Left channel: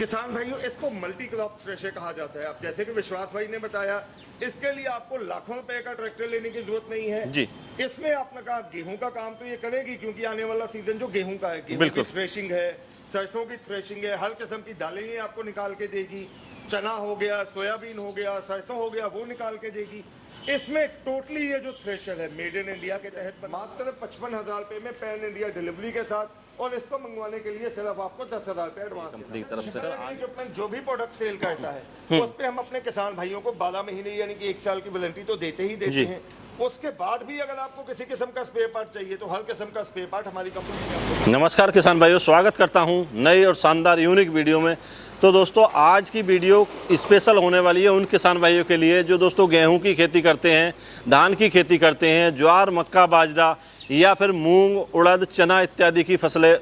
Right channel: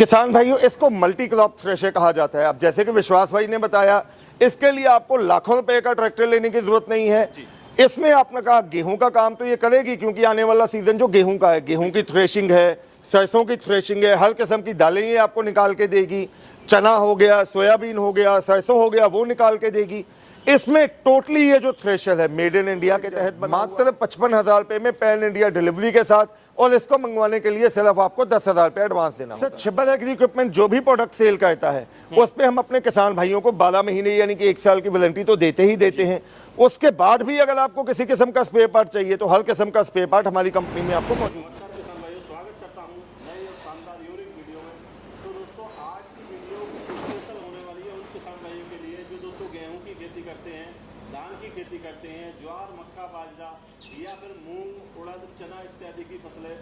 किसान भाइयों, इसको मल्टी क्रॉप थ्रेशर कहा जाता है। अब जैसे कि विश्वास भाई ने बताया, इसके लिए आपको लाखों रुपए का ट्रैक्टर लेने की जरूरत नहीं है जी। इसमें आपने कहा गेहूं का काम तो ये करेगी, क्योंकि आने वाला सीजन जो गेहूं का है, गेहूं की थ्रेशिंग है, सरसों की थ्रेशिंग है, हर किस्म की दालें ये आपको निकाल के देगी। चना हो गया, सोयाबीन हो गया, सरसों हो गया, वो निकाल के देगी। इसमें टोटली ये जो थ्रेशर है मेड इन इंडिया के तहत मात्र 55,000 रुपए में पैन इंडिया डिलीवरी के साथ, और इसको मंगवाने के लिए सिर्फ आपको 10,000 रुपए एडवांस देना। सर, छिब्बर एग्री इक्विपमेंट जो भी प्रोडक्ट सेल करता है उस पे हम अपने किसान भाइयों को 12 महीने यानी कि 1 साल की वारंटी तो देते ही देते हैं। उसके बाद भी अगर आपको किसी किस्म का स्पेयर पार्ट चाहिए तो हर किस्म का स्पेयर पार्ट हमारी कंपनी में आपको। नमस्कार किसान भाइयों, स्वागत करता हूं नई और शानदार यूनिक वीडियो में। तो दोस्तों, आज की वीडियो स्पेशल होने वाली है उन किसान भाइयों के लिए जो दोस्तों गेहूं की खेती करते हैं, धान की खेती करते हैं, ज्वार, मक्का, बाजरा या फिर मूंग, उड़द, चना इत्यादि की फसलें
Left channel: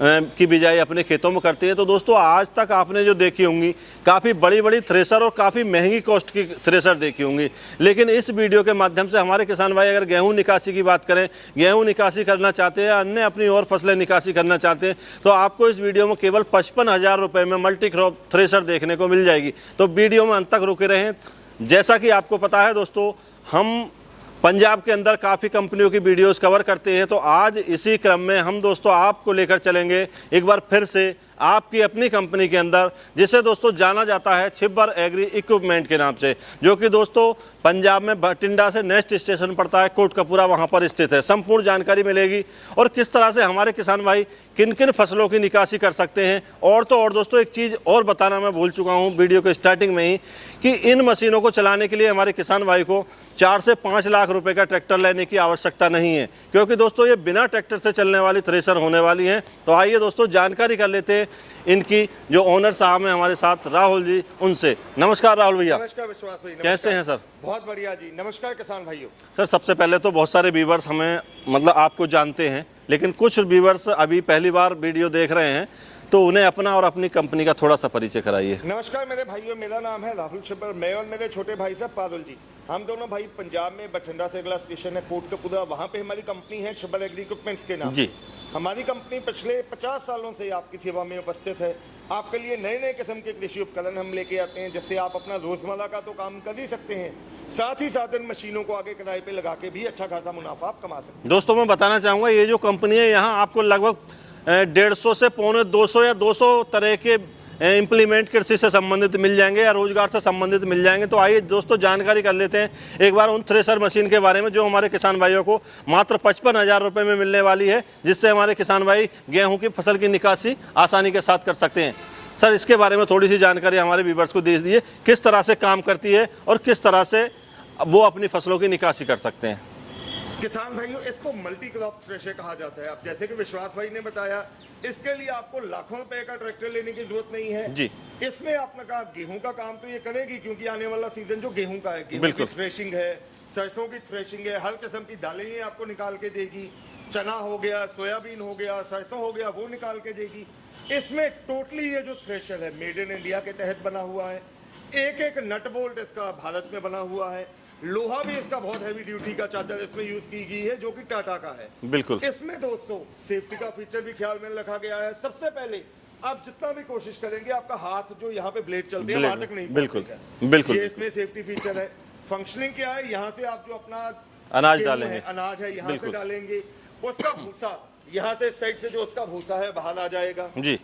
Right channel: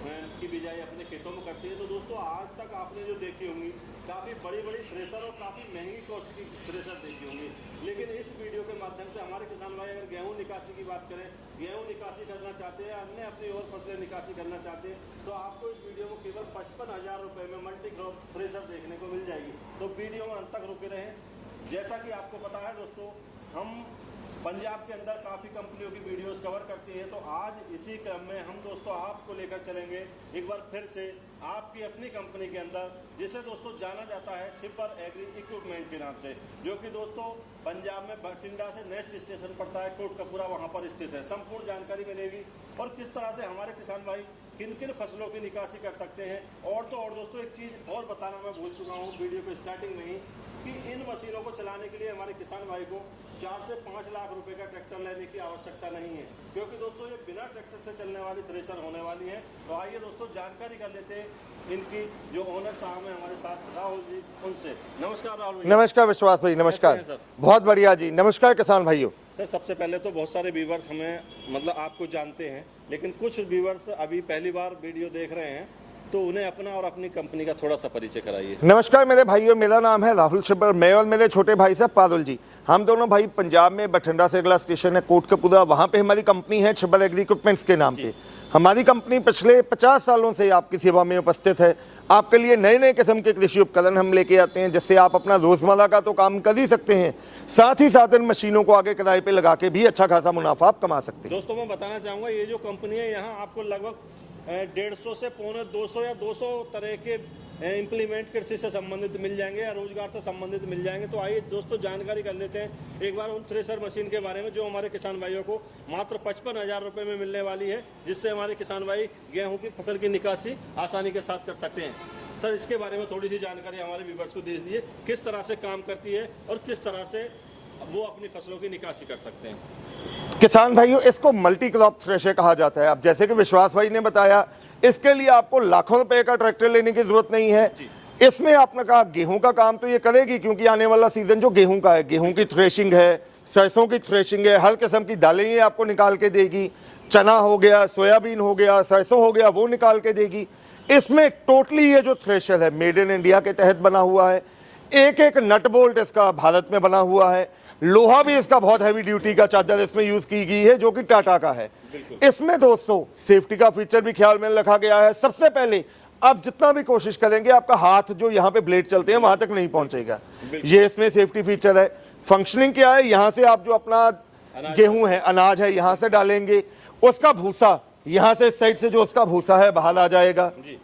की बिजाई अपने खेतों में करते हैं। तो दोस्तों, आज तक आपने जो देखी होंगी काफ़ी बड़ी बड़ी थ्रेसर और काफ़ी महंगी कॉस्ट की थ्रेसर देखी होंगी, लेकिन इस वीडियो के माध्यम से हमारे किसान भाई अगर गेहूं निकासी की बात करें, गेहूं निकासी करना चाहते हैं, अन्य अपनी और फसलें निकासी करना चाहते हैं, तो आपको इस वीडियो में केवल 55,000 रुपये में मल्टी क्रॉप थ्रेसर देखने को मिल जाएगी। तो वीडियो में अंत तक रुके रहें। जैसा कि आपको पता है दोस्तों, हम पंजाब के अंदर काफ़ी कंपनियों की वीडियोस कवर करते हैं, तो आज इसी क्रम में हम दोस्तों आपको लेकर चलेंगे एक बार फिर से आपकी अपनी कंपनी के अंदर, जिसे दोस्तों जाना जाता है छिब्बर एग्री इक्विपमेंट के नाम से, जो कि दोस्तों पंजाब में बठिंडा से नेक्स्ट स्टेशन पड़ता है, कोटकपूरा, वहाँ पर स्थित है। संपूर्ण जानकारी मिलेगी और किस तरह से हमारे किसान भाई किन किन फसलों की निकासी कर सकते हैं। और तो और दोस्तों, एक चीज़ और बताना मैं भूल चुका हूँ वीडियो के स्टार्टिंग में ही, कि इन मशीनों को चलाने के लिए हमारे किसान भाई को 4 से 5 लाख रुपए का ट्रैक्टर लेने की आवश्यकता नहीं है, क्योंकि दोस्तों ये बिना ट्रैक्टर से चलने वाली थ्रेसर होने वाली हैं। तो आइए दोस्तों जानकारी कर लेते हैं इनकी जो ओनर साहब हैं हमारे साथ, राहुल जी, उनसे। नमस्कार राहुल भैया। नमस्कार विश्वास भाई, नमस्कार। कैसे हैं सर? बहुत बढ़िया जी, नमस्कार किसान भाइयों। सर, सबसे पहले तो बहुत सारे व्यूवर्स हमें मतलब आपको जानते हैं, लेकिन कुछ व्यूवर्स अभी पहली बार वीडियो देख रहे हैं, तो उन्हें अपना और अपनी कंपनी का थोड़ा सा परिचय कराइए। नमस्कार मेरे भाइयों, मेरा नाम है राहुल छिब्बर। मैं और मेरे छोटे भाई साहब पारुल जी, हम दोनों भाई पंजाब में बठिंडा से अगला स्टेशन है कोटकपूरा, वहाँ पे हमारी कंपनी है छिब्बर एग्री इक्विपमेंट्स के नाम से। हमारी कंपनी पिछले 50 सालों से आपकी सेवा में उपस्थित है। आपके लिए नए नए किस्म के कृषि उपकरण हम लेके आते हैं, जिससे आप अपना रोजमर्रा का तो काम कर ही सकते हैं, साथ ही साथ इन मशीनों को आगे किराए पे लगा के भी अच्छा खासा मुनाफा आप कमा सकते हैं। दोस्तों, मैं बताना चाहूँगा, ये जो कंपनी है यहाँ आपको लगभग 150 से 250 या 200 तरह के इम्प्लीमेंट कृषि से संबंधित मिल जाएंगे या रोजगार से संबंधित मिल जाएंगे। तो आइए दोस्तों जानकारी कर लेते हैं एक बार उन थ्रेसर मशीन के बारे में जो हमारे किसान भाइयों को मात्र 55,000 रुपये में मिलने वाली है, जिससे हमारे किसान भाई गेहूं की फसल की निकासी आसानी के साथ कर सकते हैं। सर, इसके बारे में थोड़ी सी जानकारी हमारे व्यूअर्स को दे दीजिए, किस तरह से काम करती है और किस तरह से वो अपनी फसलों की निकासी कर सकते हैं। किसान भाइयों, इसको मल्टी क्रॉप थ्रेशर कहा जाता है। अब जैसे कि विश्वास भाई ने बताया, इसके लिए आपको लाखों रुपए का ट्रैक्टर लेने की जरूरत नहीं है जी। इसमें आपने कहा गेहूं का काम तो ये करेगी, क्योंकि आने वाला सीजन जो गेहूं का है, गेहूं की थ्रेशिंग है, सरसों की थ्रेशिंग है, हर किस्म की दालें ये आपको निकाल के देगी। चना हो गया, सोयाबीन हो गया, सरसों हो गया, वो निकाल के देगी। इसमें टोटली ये जो थ्रेशर है मेड इन इंडिया के तहत बना हुआ है। एक एक नट बोल्ट इसका भारत में बना हुआ है। लोहा भी इसका बहुत हैवी ड्यूटी का चादर इसमें यूज की गई है, जो कि टाटा का है। बिल्कुल। इसमें दोस्तों सेफ्टी का फीचर भी ख्याल में रखा गया है। सबसे पहले आप जितना भी कोशिश करेंगे, आपका हाथ जो यहाँ पे ब्लेड चलते हैं वहां तक नहीं पहुंचेगा। ये इसमें सेफ्टी फीचर है। फंक्शनिंग क्या है, यहाँ से आप जो अपना गेहूं है, अनाज है, यहाँ से डालेंगे, उसका भूसा यहाँ से इस साइड से जो उसका भूसा है बाहर आ जाएगा जी।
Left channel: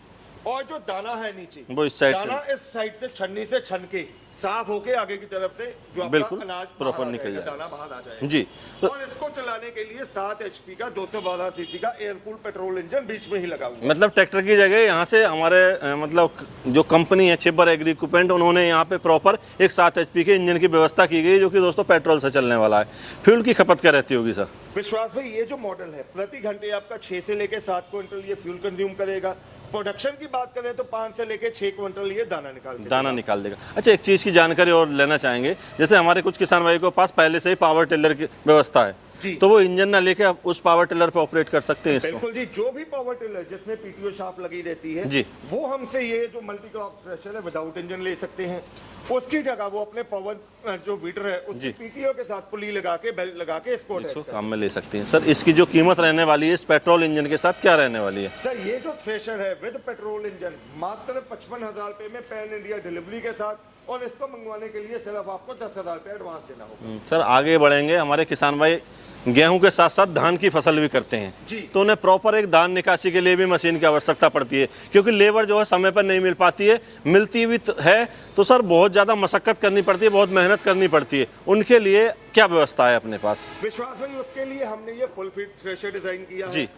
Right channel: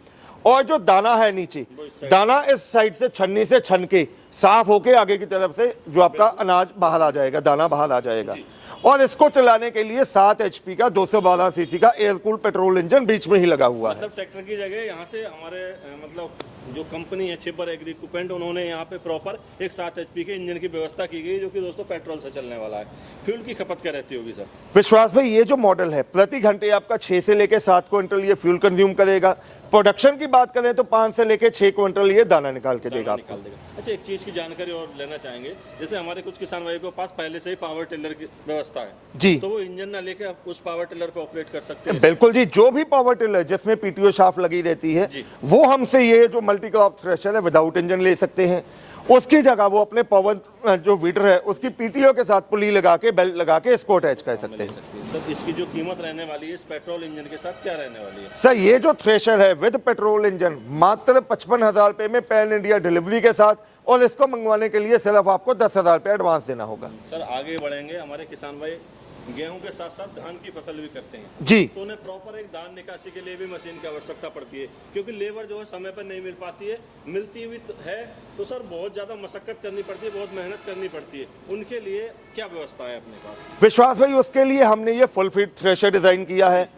और जो दाना है नीचे, दाना इस साइड से छन्नी से छन के साफ होके आगे की तरफ से जो आपका अनाज बाहर आ जाएगा, दाना बाहर आ जाएगा जी। और इसको चलाने के लिए 7 HP का 212 सीसी का एयर कूल पेट्रोल इंजन बीच में ही लगा हुआ है। मतलब ट्रैक्टर की जगह यहाँ से हमारे मतलब जो कंपनी है छिब्बर एग्री इक्विपमेंट, उन्होंने यहाँ पे प्रॉपर एक 7 HP के इंजन की व्यवस्था की गई, जो कि दोस्तों पेट्रोल से चलने वाला है। फ्यूल की खपत क्या रहती होगी सर? विश्वास भाई, ये जो मॉडल है प्रति घंटे आपका 6 से लेकर 7 क्विंटल ये फ्यूल कंज्यूम करेगा। प्रोडक्शन की बात करें तो 5 से लेकर 6 क्विंटल ये दाना निकाल देगा। अच्छा, एक चीज की जानकारी और लेना चाहेंगे, जैसे हमारे कुछ किसान भाई के पास पहले से ही पावर टिलर की व्यवस्था है जी, तो वो इंजन ना लेके आप उस पावर टिलर पे ऑपरेट कर सकते हैं? बिल्कुल जी, जो भी पावर टिलर जिसमें PTO शाफ्ट लगी रहती है जी, वो हमसे ये जो मल्टी क्रॉप थ्रेशर है विदाउट इंजन ले सकते हैं। उसकी जगह वो अपने पवन जो वीडर है उसकी पीटीओ के साथ पुली लगा के बेल्ट लगा के इसको अटैच कर काम में सकते ले हैं। सकते हैं। सर इसकी जो कीमत रहने वाली है इस पेट्रोल इंजन के साथ क्या रहने वाली है? सर ये जो थ्रेशर है विद पेट्रोल इंजन मात्र 55,000 रुपए में पैन इंडिया डिलीवरी के साथ, और इसको मंगवाने के लिए सिर्फ आपको 10,000 रुपए एडवांस देना होगा। सर आगे बढ़ेंगे, हमारे किसान भाई गेहूं के साथ साथ धान की फसल भी करते हैं जी, तो उन्हें प्रॉपर एक धान निकासी के लिए भी मशीन की आवश्यकता पड़ती है, क्योंकि लेबर जो है समय पर नहीं मिल पाती है, मिलती भी है तो सर बहुत ज़्यादा मशक्कत करनी पड़ती है, बहुत मेहनत करनी पड़ती है। उनके लिए क्या व्यवस्था है अपने पास? विश्वास भाई उसके लिए हमने ये फुल फिट थ्रेशर डिजाइन किया है।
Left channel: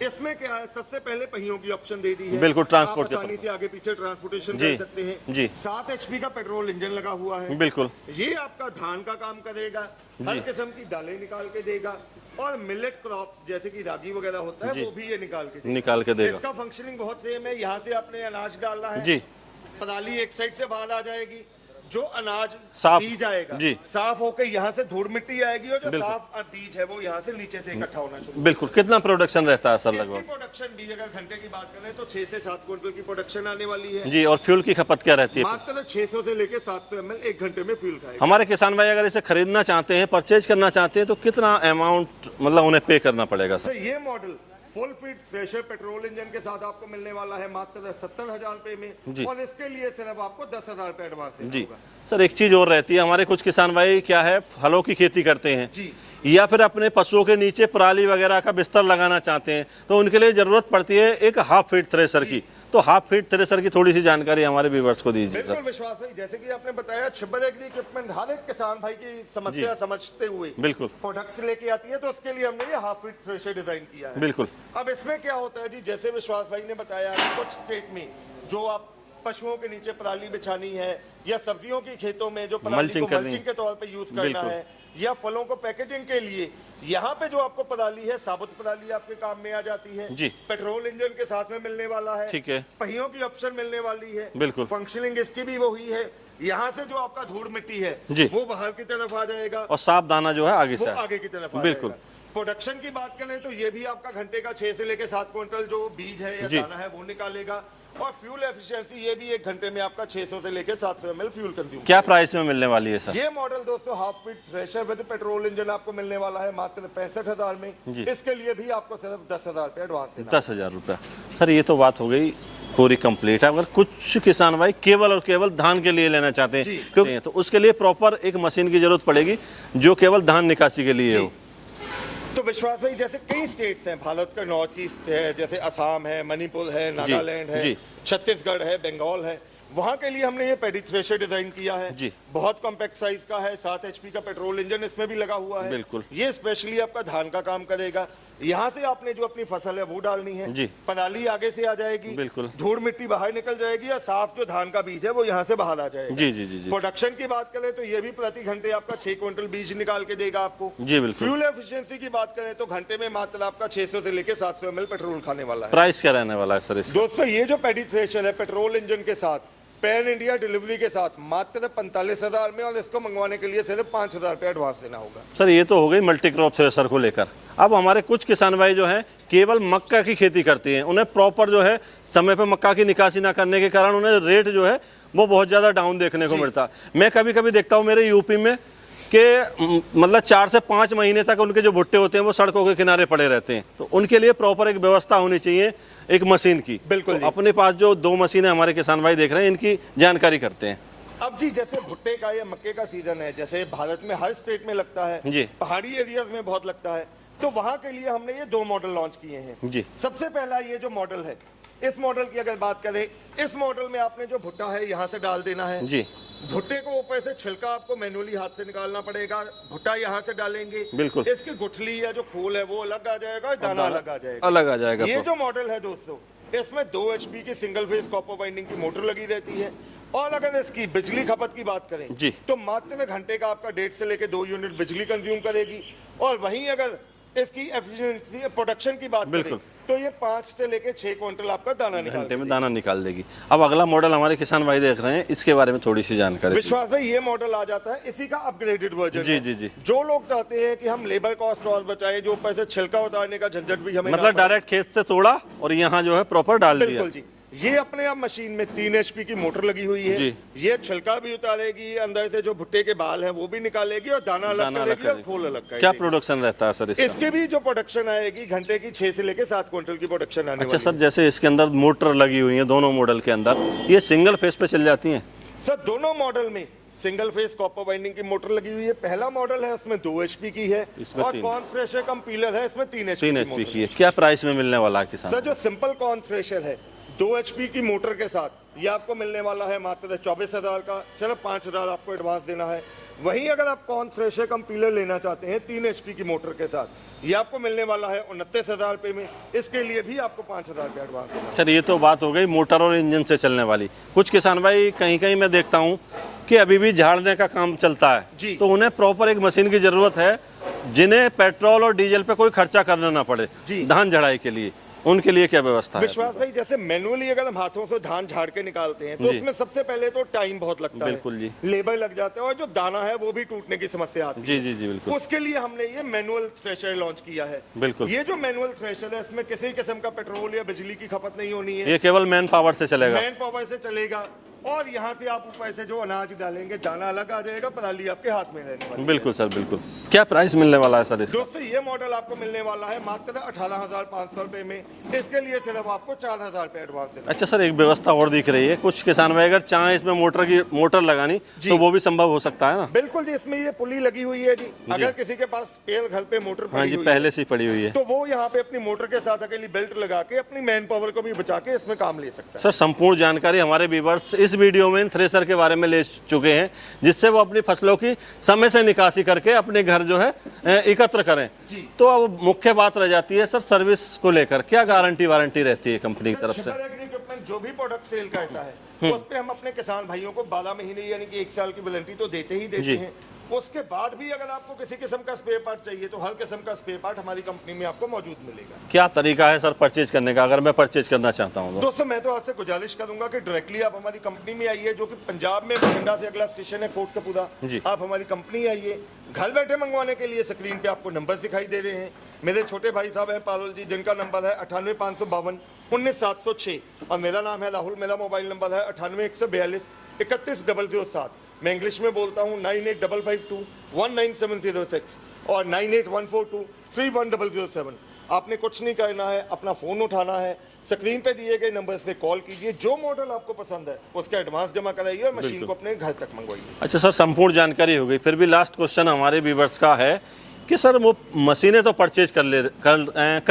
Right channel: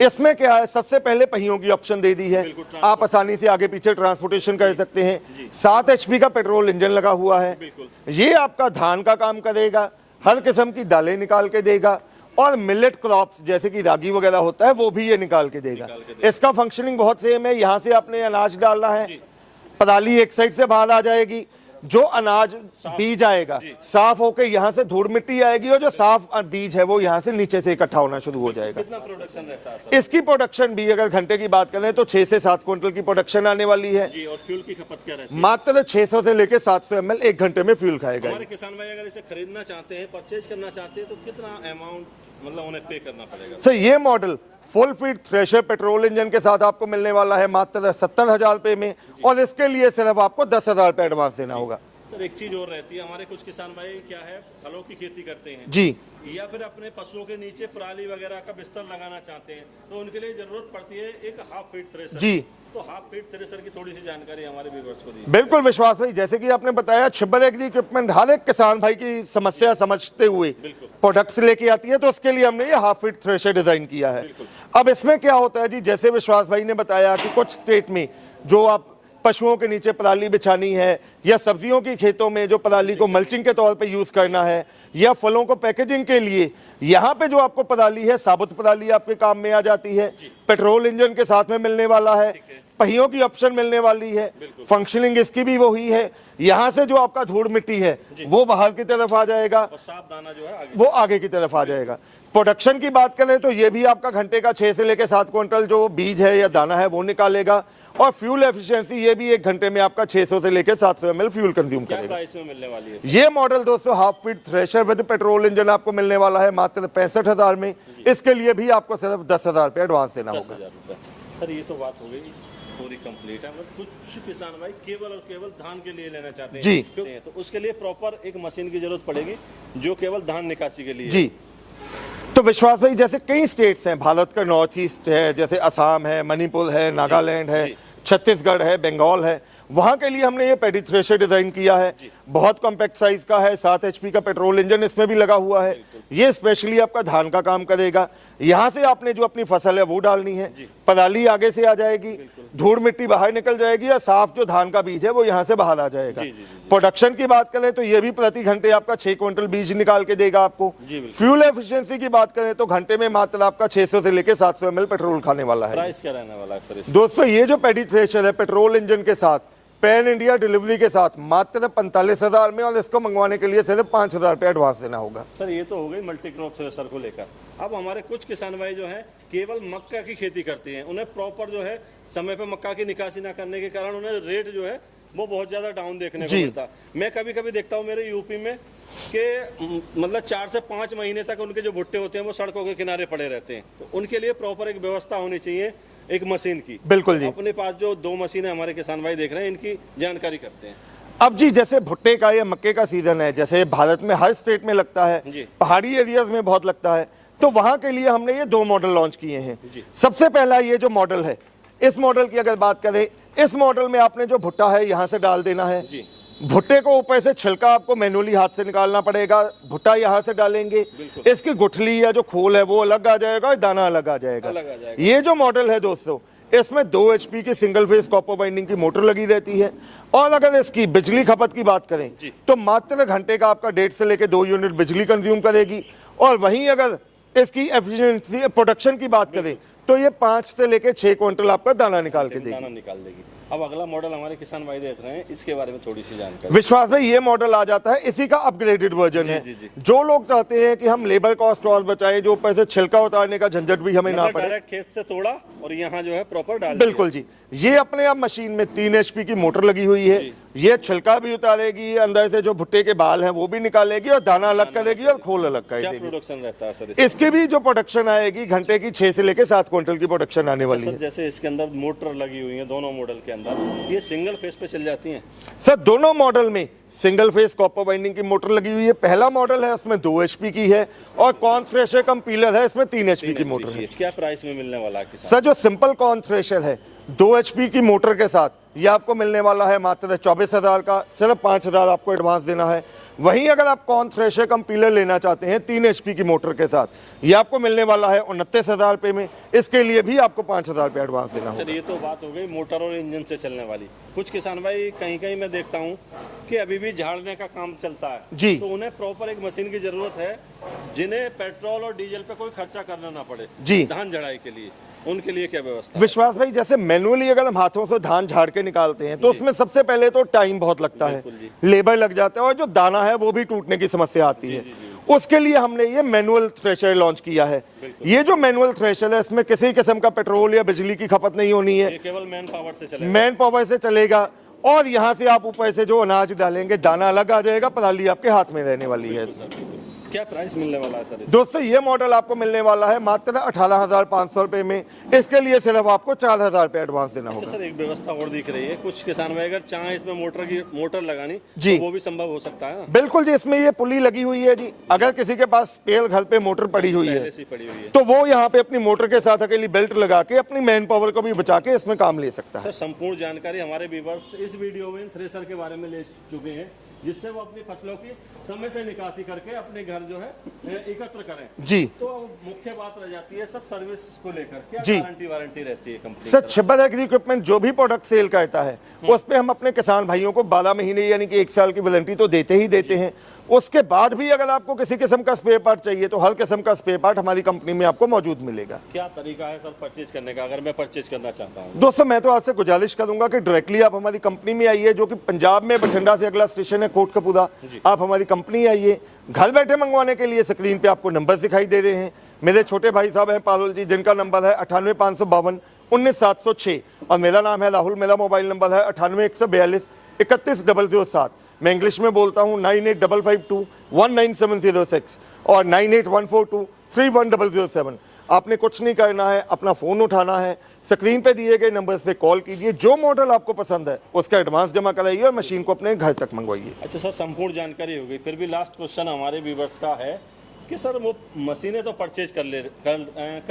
इसमें क्या है, सबसे पहले पहियों की ऑप्शन दे दी है, बिल्कुल, आप ट्रांसपोर्ट आसानी से आगे पीछे ट्रांसपोर्टेशन कर सकते हैं। जी। 7 HP का पेट्रोल इंजन लगा हुआ है। बिल्कुल, ये आपका धान का काम करेगा, हर किस्म की दालें निकाल के देगा, और मिलेट क्रॉप्स जैसे कि रागी वगैरह होता है वो भी ये निकाल के देगा। इसका फंक्शनिंग बहुत सेम है। यहाँ से आपने अनाज डालना है जी, पदाली एक साइड से बाहर आ जाएगी, जो अनाज बीज आएगा साफ होकर यहाँ से धूल मिट्टी आएगी, और जो साफ बीज है वो यहाँ से नीचे से इकट्ठा होना शुरू हो जाएगा। कितना प्रोडक्शन रहता है सर? इसकी प्रोडक्शन भी अगर घंटे की बात करें तो 6 से 7 क्विंटल की प्रोडक्शन आने वाली है जी। और फ्यूल की खपत क्या रहती है? मात्र 600 से लेकर 700 ml एक घंटे में फ्यूल खाएगा। हमारे किसान भाई अगर इसे खरीदना चाहते हैं, परचेज करना चाहते हैं तो कितना अमाउंट मतलब उन्हें पे करना पड़ेगा? सर ये model full feed thresher petrol engine के साथ आपको मिलने वाला है मात्र 70,000 रुपए में, और इसके लिए सिर्फ आपको 10,000 रुपए एडवांस देना होगा। सर एक चीज और रहती है, हमारे कुछ किसान भाई क्या है फलों की खेती करते हैं जी, या फिर अपने पशुओं के नीचे पराली वगैरह का बिस्तर लगाना चाहते हैं, तो उनके लिए जरूरत पड़ती है एक हाफ फीट थ्रेशर की। तो हाफ फीट थ्रेशर की थोड़ी सी जानकारी हमारे व्यूअर्स को दीजिए। बिल्कुल विश्वास भाई, जैसे कि आपने बताया छिब्बर एग्री इक्विपमेंट हर एक किसान भाई की समस्या समझते हुए बिल्कुल प्रोडक्ट्स लेके आती है, तो उसके लिए हमने ये हाफ फीट थ्रेशर डिजाइन किया है। बिल्कुल। अब इसमें क्या होता है जी, जैसे विश्वास भाई ने बताया कि कुछ स्टेट में जो आप पशुओं के नीचे पराली बिछानी है, या सब्जियों की खेतों में जो पराली को मल्चिंग के तौर पे यूज करना है, या फलों को पैकेजिंग के लिए, यहाँ पे जो आपको पराली है साबुत पराली आपके काम में आ जाती है। पेट्रोल इंजन के साथ में मिलने वाला है, पहियों की ऑप्शन मिलने वाली है, फंक्शनिंग इसकी भी वही है। यहाँ से जो आपका धूल मिट्टी है वो बाहर की तरफ आ जाएगा, और साफ दाना जो है आगे वो आगे की तरफ आ जाएगा। प्रोडक्शन की बात करें तो ये भी आपका घंटे का 6 से लेकर 7 क्विंटल जो बीज है या दाना है वो निकालेगा, और फ्यूल एफिशिएंसी ये भी एक घंटे में आपका 600 से लेकर 700 ml फ्यूल कंज्यूम। क्या प्राइस में मिलने वाली है सर? ये मॉडल दोस्तों half feet thresher with petrol engine आपको मिलने वाला है मात्र 65,000 में। इसके लिए भी आपको सिर्फ 10,000 रुपए एडवांस देना। 10,000 रुपए। सर ये तो बात हो गई पूरी कंप्लीट है। अगर कुछ किसान भाई केवल और केवल धान के लिए लेना चाहते हैं क्योंकि तो उसके लिए प्रॉपर एक मशीन की जरूरत पड़ेगी जो केवल धान निकासी के लिए है। तो विश्वास भाई जैसे कई स्टेट्स हैं भारत का, नॉर्थ ईस्ट है, जैसे असम है, मणिपुर है, नागालैंड है, छत्तीसगढ़ है, बंगाल है, वहां के लिए हमने ये पैडी थ्रेशर डिजाइन किया है। बहुत कॉम्पैक्ट साइज का है, 7 HP का पेट्रोल इंजन इसमें भी लगा हुआ है। ये स्पेशली आपका धान का काम करेगा। यहाँ से आपने जो अपनी फसल है वो डालनी है, पराली आगे से आ जाएगी, धूल मिट्टी बाहर निकल जाएगी, और साफ जो धान का बीज है वो यहाँ से बाहर आ जाएगा। प्रोडक्शन की बात करें तो ये भी प्रति घंटे आपका 6 क्विंटल बीज निकाल के देगा आपको। फ्यूल एफिशिएंसी की बात करें तो घंटे में मात्र आपका 600 से लेकर 700 ml पेट्रोल खाने वाला है। प्राइस क्या रहने वाला है सर? दोस्तों ये जो पैडी थ्रेशर है पेट्रोल इंजन के साथ पैन इंडिया डिलीवरी के साथ मात्र 45,000 में, और इसको मंगवाने के लिए सिर्फ 5,000 रुपए एडवांस देना होगा। सर ये तो हो गई मल्टी क्रॉप थ्रेशर को लेकर। अब हमारे कुछ किसान भाई जो हैं केवल मक्का की खेती करते हैं, उन्हें प्रॉपर जो है समय पे मक्का की निकासी ना करने के कारण उन्हें रेट जो है वो बहुत ज़्यादा डाउन देखने को मिलता। मैं कभी कभी देखता हूँ मेरे यूपी में कि मतलब 4 से 5 महीने तक उनके जो भुट्टे होते हैं वो सड़कों के किनारे पड़े रहते हैं। तो उनके लिए प्रॉपर एक व्यवस्था होनी चाहिए एक मशीन की। बिल्कुल जी। अपने पास जो 2 मशीनें हमारे किसान भाई देख रहे हैं इनकी जानकारी करते हैं। अब जी जैसे भुट्टे का या मक्के का सीजन है, जैसे भारत में हर स्टेट में लगता है, पहाड़ी एरियाज में बहुत लगता है, तो वहां के लिए हमने ये 2 मॉडल लॉन्च किए हैं। सबसे पहला ये जो मॉडल है, इस मॉडल की अगर बात करें, इस मॉडल में आपने जो भुट्टा है यहाँ से डाल देना है। भुट्टे को ऊपर से छिलका आपको मैनुअली हाथ से निकालना पड़ेगा, भुट्टा यहाँ से डालेंगे, इसकी गुठली या जो खोल है वो अलग आ जाएगा, दाना अलग आ जाएगा। ये जो मॉडल है दोस्तों, इसमें 2 HP की सिंगल फेज कॉपर वाइंडिंग की मोटर लगी रहती है, और अगर इसकी बिजली खपत की बात करें तो मात्र घंटे का आपका 1.5 से लेकर 2 यूनिट बिजली कंज्यूम करेगी। और वहीं अगर इसकी एफिशिएंसी प्रोडक्शन की बात करें तो ये 5 से लेकर 6 क्विंटल आपका दाना निकाल देगी। अब अगला मॉडल हमारे किसान भाई देख रहे हैं, इसके बारे में थोड़ी सी जानकारी। विश्वास भाई ये मॉडल आ जाता है, इसी का अपग्रेडेड वर्जन है। जो लोग चाहते हैं कि हम लेबर कॉस्ट और बचाएं, जो पैसे छिलका उतारने का झंझट भी हमें मतलब डायरेक्ट खेत से तोड़ा और यहाँ जो है प्रॉपर डाल दिया। बिल्कुल जी। ये अपने आप मशीन में 3 HP की मोटर लगी हुई है। ये छिलका भी उतारेगी, अंदर से जो भुट्टे के बाल हैं वो भी निकालेगी और दाना अलग कर देगी और खोल अलग कर देगी। क्या प्रोडक्शन रहता है सर इसकी भी जो प्रोडक्शन आएगी घंटे की 6 से लेकर 7 क्विंटल की प्रोडक्शन आने वाली है। सर जैसे इसके अंदर मोटर लगी हुई है दोनों मॉडल के अंदर, ये सिंगल फेस पे चल जाती हैं? सर दोनों मॉडल में सिंगल फेस कॉपर वाइंडिंग की मोटर लगी हुई है। पहला मॉडल है उसमें 2 HP की है और कॉर्न थ्रेशर कम पीलर है, इसमें 3 HP की मोटर है। क्या प्राइस में मिलने वाला है किसान? सर जो सिंपल कॉर्न थ्रेशर है 2 HP की मोटर के साथ ये आपको मिलने वाला है मात्र 24,000 का, सिर्फ 5,000 आपको एडवांस देना है। वहीं अगर आप कॉर्न थ्रेशर कम पीलर लेना चाहते हैं 3 HP की मोटर के साथ, ये आपको मिलने वाला है 29,000 रुपये में। इसके लिए भी आपको 5,000 रुपये एडवांस देना है। सर ये तो बात हो गई मोटर और इंजन से चलने वाली। कुछ किसान भाई कहीं कहीं मैं देखता हूँ कि अभी भी झाड़ने का काम चलता है जी, तो उन्हें प्रॉपर एक मशीन की जरूरत है जिन्हें पेट्रोल और डीजल पे कोई खर्चा करना ना पड़े जी धान झड़ाई के लिए, उनके लिए क्या व्यवस्था है? विश्वास भाई जैसे मैनुअली अगर हम हाथों से धान झाड़ के निकालते हैं तो उसमें सबसे पहले तो टाइम बहुत लगता है, लेबर लग जाता है और जो दाना है वो भी टूटने की समस्या आती है। जी, बिल्कुल। उसके लिए हमने ये मैनुअल थ्रेशर लॉन्च किया है। ये जो मैनुअल थ्रेशर है इसमें किसी किस्म का पेट्रोल या बिजली की खपत नहीं होनी है, ये केवल मैन पावर से चलेगा। मैन पावर से चलेगा और यहाँ से आप ऊपर से जो अनाज डालेंगे दाना अलग आ जाएगा, पराली आपके हाथ में रहने वाली है। बिल्कुल सर बिल्कुल। क्या प्राइस मिलने वाला है सर? दोस्तों ये मॉडल आपको मिलने वाला है मात्र 18,500 रुपए में। इसके लिए सिर्फ आपको 4,000 रुपए एडवांस देना। अच्छा सर एक व्यवस्था और दिख रही है, कुछ किसान भाई अगर चाहे इसमें मोटर लगानी तो वो भी संभव हो सकता है ना? बिल्कुल जी, इसमें ये पुली लगी हुई है जी। अगर किसी के पास स्पेयर घर पे मोटर पड़ी हुई पहले से पड़ी हुई है तो वो यहाँ पे अपनी मोटर के साथ अकेली बेल्ट लगा के अपनी मैन पावर को भी बचा के इसमें काम ले सकता है। सर संपूर्ण जानकारी हमारे व्यूअर्स इस वीडियो में थ्रेसर के बारे में ले चुके हैं जिससे वो अपनी फसलों की समय से निकासी करके अपने घर जो है एकत्र करें जी। तो अब मुख्य बात रह जाती है सर सर्विस को लेकर, क्या गारंटी वारंटी रहती है कंपनी की तरफ से? छिब्बा एग्री इक्विपमेंट जो भी प्रोडक्ट सेल करता है उस पे हम अपने किसान भाइयों को 12 महीने यानी कि 1 साल की वारंटी तो देते ही देते हैं। उसके बाद भी अगर आपको किसी किस्म का स्पेयर पार्ट चाहिए तो हर किस्म का स्पेयर पार्ट हमारी कंपनी में आपको मौजूद मिलेगा। क्या तरीका है सर परचेज करने का अगर मैं परचेज करना चाहता हूँ? दोस्तों मैं तो आपसे गुजारिश करूंगा कि डायरेक्टली आप हमारी कंपनी में आइए, जो कि पंजाब में बठिंडा से अगला स्टेशन है कोटकपूरा। आप हमारी कंपनी आइए, घर बैठे मंगवाने के लिए स्क्रीन पे आपको नंबर दिखाई दे रहे हैं। मेरे छोटे भाई साहब हैं पारुल जी, जिनका नंबर है 98,552 19,706 और मेरा नाम है राहुल। मेरा मोबाइल नंबर है 98,142 31,007। मैं इंग्लिश में बोलता हूँ 9855219706 और 9814231007। आपने कुछ नहीं करना है, अपना फोन उठाना है, स्क्रीन पे दिए गए नंबर्स पे कॉल कीजिए, जो मॉडल आपको पसंद है उसका एडवांस जमा कराइए और मशीन को अपने घर तक मंगवाइए। अच्छा सर संपूर्ण जानकारी हो गई, फिर भी लास्ट क्वेश्चन हमारे व्यूअर्स का है कि सर वो मशीनें तो परचेज कर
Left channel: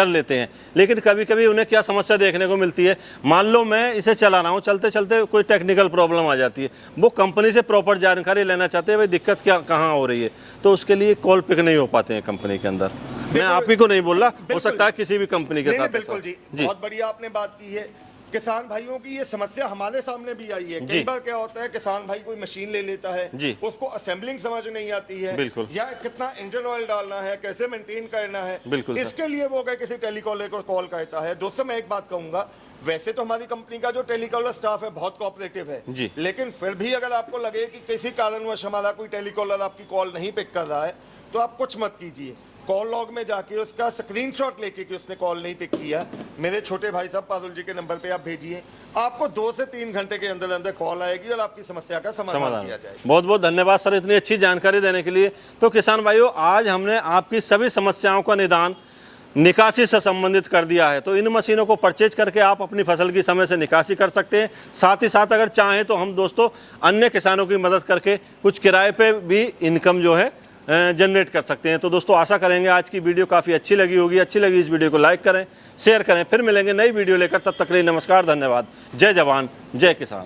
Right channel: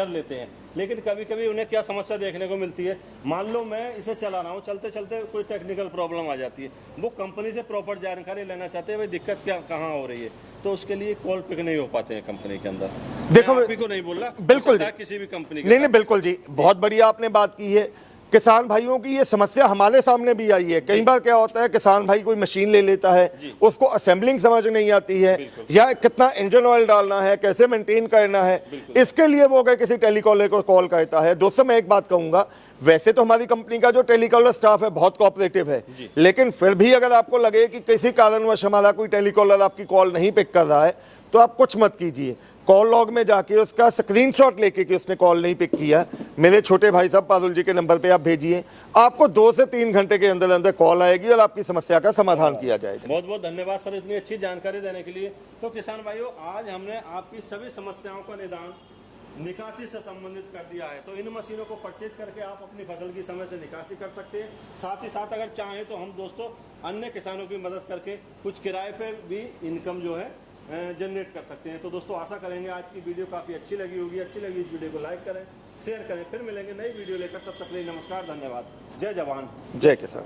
लेते हैं लेकिन कभी कभी उन्हें क्या समस्या देखने को मिलती है, मान लो मैं इसे चला रहा हूँ, चलते चलते कोई टेक्निकल प्रॉब्लम आ जाती है, वो कंपनी से प्रॉपर जानकारी लेना चाहते हैं भाई दिक्कत क्या कहाँ हो रही है, तो उसके लिए कॉल पिक नहीं हो पाते हैं कंपनी के अंदर। मैं आप ही को नहीं बोल रहा, हो सकता है किसी भी कंपनी के। नहीं बिल्कुल जी, बहुत बढ़िया आपने बात की है। किसान भाइयों की ये समस्या हमारे सामने भी आई है। कई बार क्या होता है किसान भाई कोई मशीन ले लेता है, उसको असेंबलिंग समझ नहीं आती है या कितना इंजन ऑयल डालना है, कैसे मेंटेन करना है, इसके लिए वो अगर किसी टेलीकॉलर को कॉल करता है। दोस्तों मैं एक बात कहूंगा, वैसे तो हमारी कंपनी का जो टेलीकॉलर स्टाफ है बहुत कोऑपरेटिव है, लेकिन फिर भी अगर आपको लगे कि किसी कारणवश हमारा कोई टेलीकॉलर आपकी कॉल नहीं पिक कर रहा है तो आप कुछ मत कीजिए, कॉल लॉग में जाके उसका स्क्रीनशॉट लेके कि उसने कॉल नहीं पिक किया मेरे छोटे भाई साहब पारुल जी के नंबर पे आप भेजिए। आपको 2 से 3 घंटे के अंदर अंदर कॉल आएगी और आपकी समस्या का समाधान किया जाएगा। बहुत बहुत धन्यवाद सर इतनी अच्छी जानकारी देने के लिए। तो किसान भाइयों आज हमने आपकी सभी समस्याओं का निदान निकासी से संबंधित कर दिया है, तो इन मशीनों को परचेज करके आप अपनी फसल की समय से निकासी कर सकते हैं। साथ ही साथ अगर चाहें तो हम दोस्तों अन्य किसानों की मदद करके कुछ किराए पे भी इनकम जो है जनरेट कर सकते हैं। तो दोस्तों आशा करेंगे आज की वीडियो काफ़ी अच्छी लगी होगी। अच्छी लगी इस वीडियो को लाइक करें, शेयर करें। फिर मिलेंगे नई वीडियो लेकर, तब तक के लिए नमस्कार, धन्यवाद। जय जवान जय किसान।